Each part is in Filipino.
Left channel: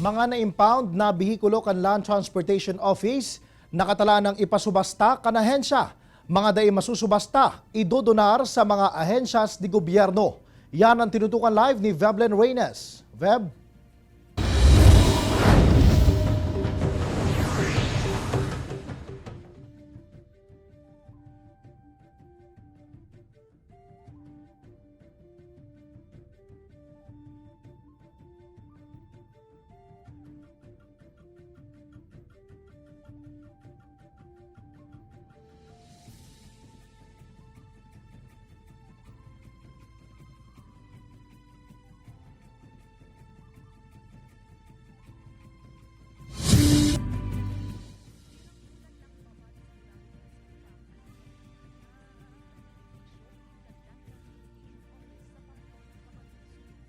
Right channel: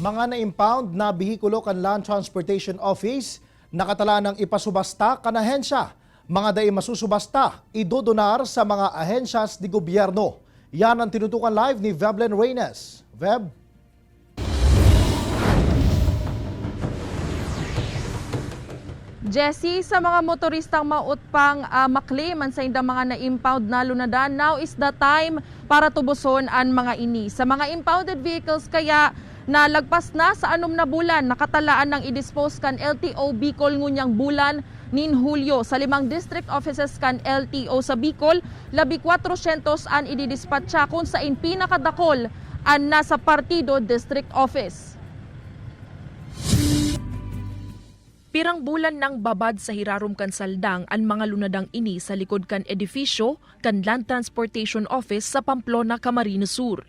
Mga na-impound na bihikulo kan Land Transportation Office nakatala ng ipasubasta kan ahensya. Mga dai masusubasta, idodonar sa mga ahensyas di gobyerno. Yan ang tinutukan live ni Veblen Reynes. Veb? Jesse, sa mga motoristang mautpang maklaim ang sa indang mga na-impound na lunadan, now is the time para tubuson ang mga ini. Sa mga impounded vehicles kaya na lagpas na sa 6 na bulan, nakatalaan ng i-dispose kan LTO Bicol ngunyang bulan nin Hulyo. Sa 5 district offices kan LTO sa Bicol, 400 an ididispatcha kung sa pinakadakol ang nasa Partido District Office. Pirang bulan nang babad sa hirarom kan saldang ang mga lunadang ini sa likod kan edifisyo kan Land Transportation Office sa Pamplona, Camarines Sur.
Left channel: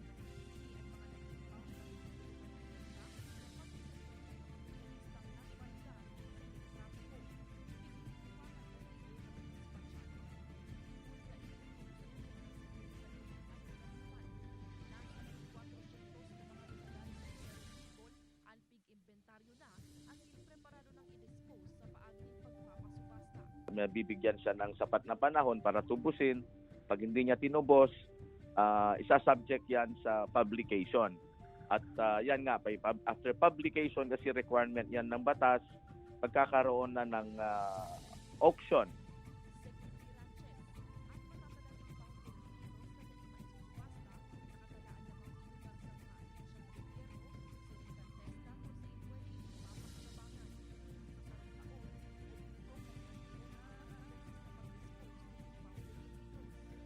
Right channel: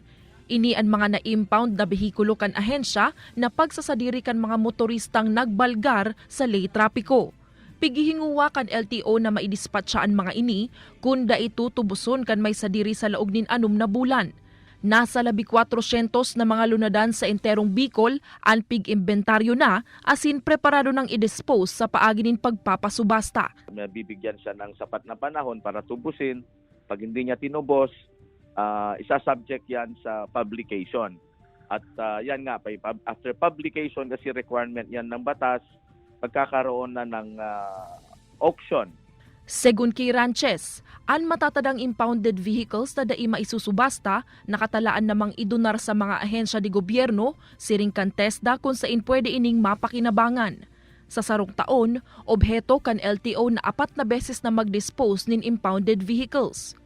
Ini ang mga na-impound na behikulo kan ahensya na pagsasadiri kan mga motoristang nagbalgar sa lay trapiko. Pigihinguwa kan LTO na maidispatcha ang mga ini kung da ito tubuson kan may sadiri sa laog nin 6 na bulan. Nasa 400 na mga lunadan sa enterong Bicol ang pig-imbentaryo na asin preparado ng i-dispose sa paagi nin pagpapasubasta. Bibigyan siya ng sapat na panahon para tubusin. Pag hindi niya tinubos, isa-subject yan sa publication. At yan nga, after publication kasi requirement yan ng batas, pagkakaroon na ng auction. Segun kay Ranches, ang matatadang impounded vehicles na dai maisusubasta, nakatalaan namang idonar sa mga ahensya di gobyerno, siring kan TESDA kung saan pwede ining mapakinabangan. Sa sarong taon, obheto kan LTO na 4 na beses na mag-dispose nin impounded vehicles.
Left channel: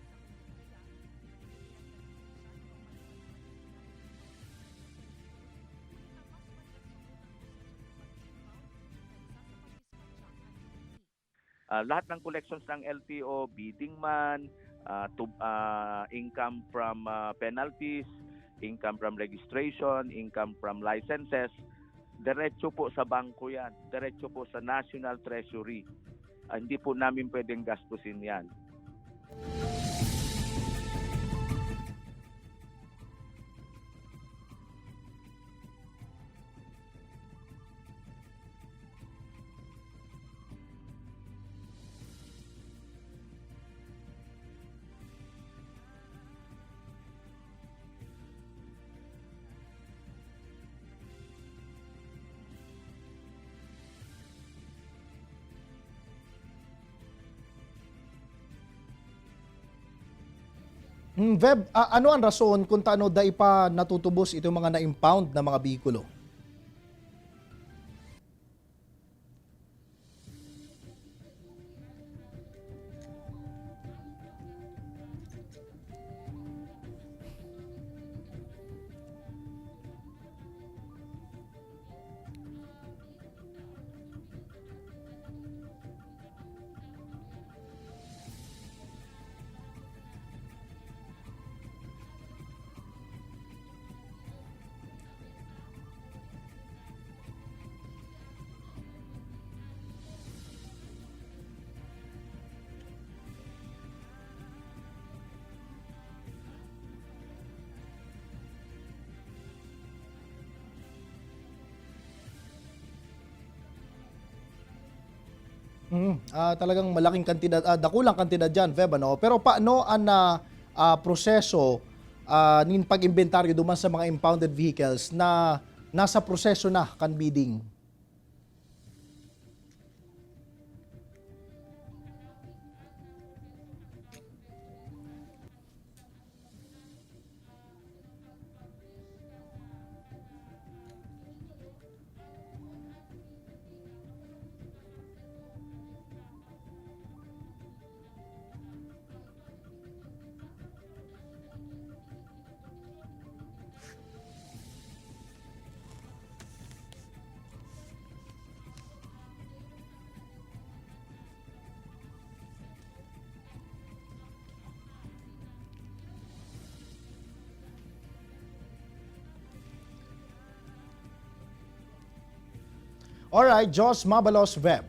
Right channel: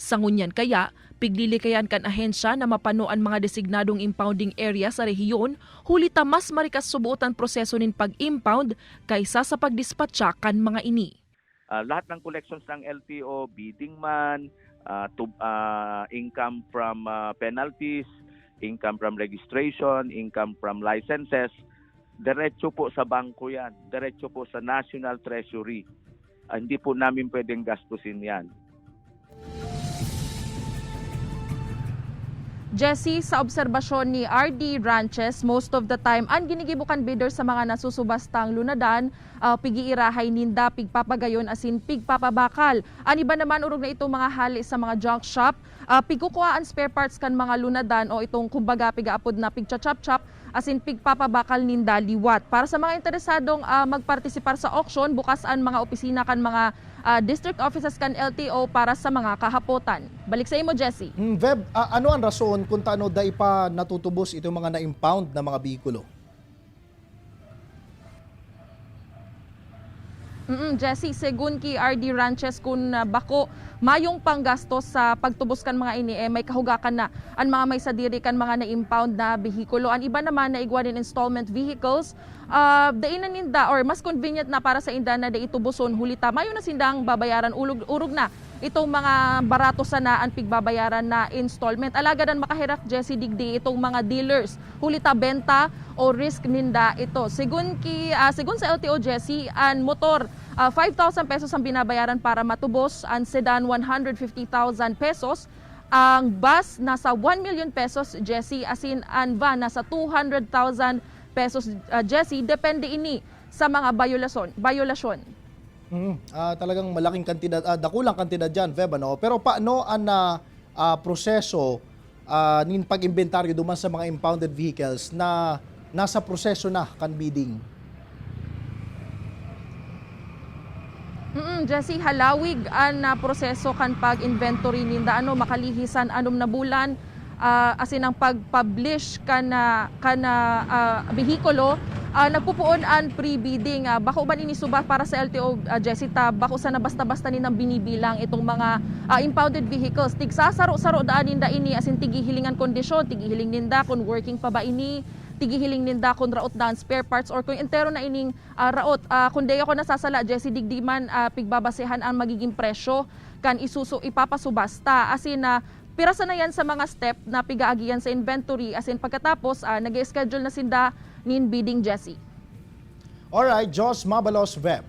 Sa ngunyan kaya, piglilikayan kan ahensya na mapano ang mga designadong impounding area sa rehiyon, hulita mas marikas subuotan proseso nin pag-impound kaysa sa pagdispatcha kan mga ini. Lahat ng collections ng LTO, bidding man, income from penalties, income from registration, income from licenses, diretso po sa bangko yan, diretso po sa National Treasury. Hindi po namin pwedeng gastusin yan. Jesse, sa obserbasyon ni RD Ranches, most of the time, ang ginigibukan bidder sa mga nasusubastang lunadan, pigiirahay ninda, pigpapagayon, asin pigpapabakal. Ang iba naman, urog na itong mga hali sa mga junk shop, pigkukuhaan spare parts kan mga lunadan o itong kumbaga pigaapod na pigchachap-chap, asin pigpapabakal ninda liwat. Para sa mga interesadong magpartisipar sa auction, bukas ang mga opisina kan mga district offices kan LTO para sa mga kahapotan. Balik sa imo, Jesse. Veb, ano ang rason kung taano dai pa natutubos itong mga na-impound na mga bihikulo? Jesse, segun ki RD Ranches kung bako mayong panggastos sa pagtubos kan mga ini may kahugakan na ang mga may sadiri kan mga na-impound na bihikulo. Ang iba naman na igwanin installment vehicles, dainan ninda or mas convenient na para sa inda na daitubuson hulita mayo na sindang babayaran urog na itong mga barato sana ang pigbabayaran na installment. Alagadan makahirak, Jesse, digdi itong mga dealers hulita benta o risk ninda ito. Segun sa LTO, Jesse, ang motor 5,000 pesos ang binabayaran para matubos, ang sedan 150,000 pesos, ang bus nasa 1 million pesos, Jesse, asin ang van nasa 200,000 pesos, Jesse, depende ini sa mga violasyon. Talagang malaking kantidad, dakulang kantidad dyan, Veb, ano? Pero paano ang proseso nin pag-inventaryo duman sa mga impounded vehicles na nasa proseso na kan bidding? Jesse, halawig ang proseso kan pag-inventory ninda makalihisan 6 na bulan, asin ang pag-publish kana behikulo, nagpupuon ang pre-bidding. Bako ba inisuba para sa LTO, Jesse, bako sana basta-basta ninang binibilang itong mga impounded vehicles. Tigsasaro-saro daan ninda ini, asin tigihilingan kondisyon, tigihiling ninda kung working pa ba ini, tigihiling ninda kung raot daan spare parts or kung entero na ining raot. Kung di ako nasasala, Jesse, digdiman pigbabasehan ang magiging presyo kan ipapasubasta. Asin pirasa na yan sa mga step na pigaagian sa inventory, asin pagkatapos nag-schedule na sinda nin bidding, Jesse. Alright, Jos Mabalos, Veb.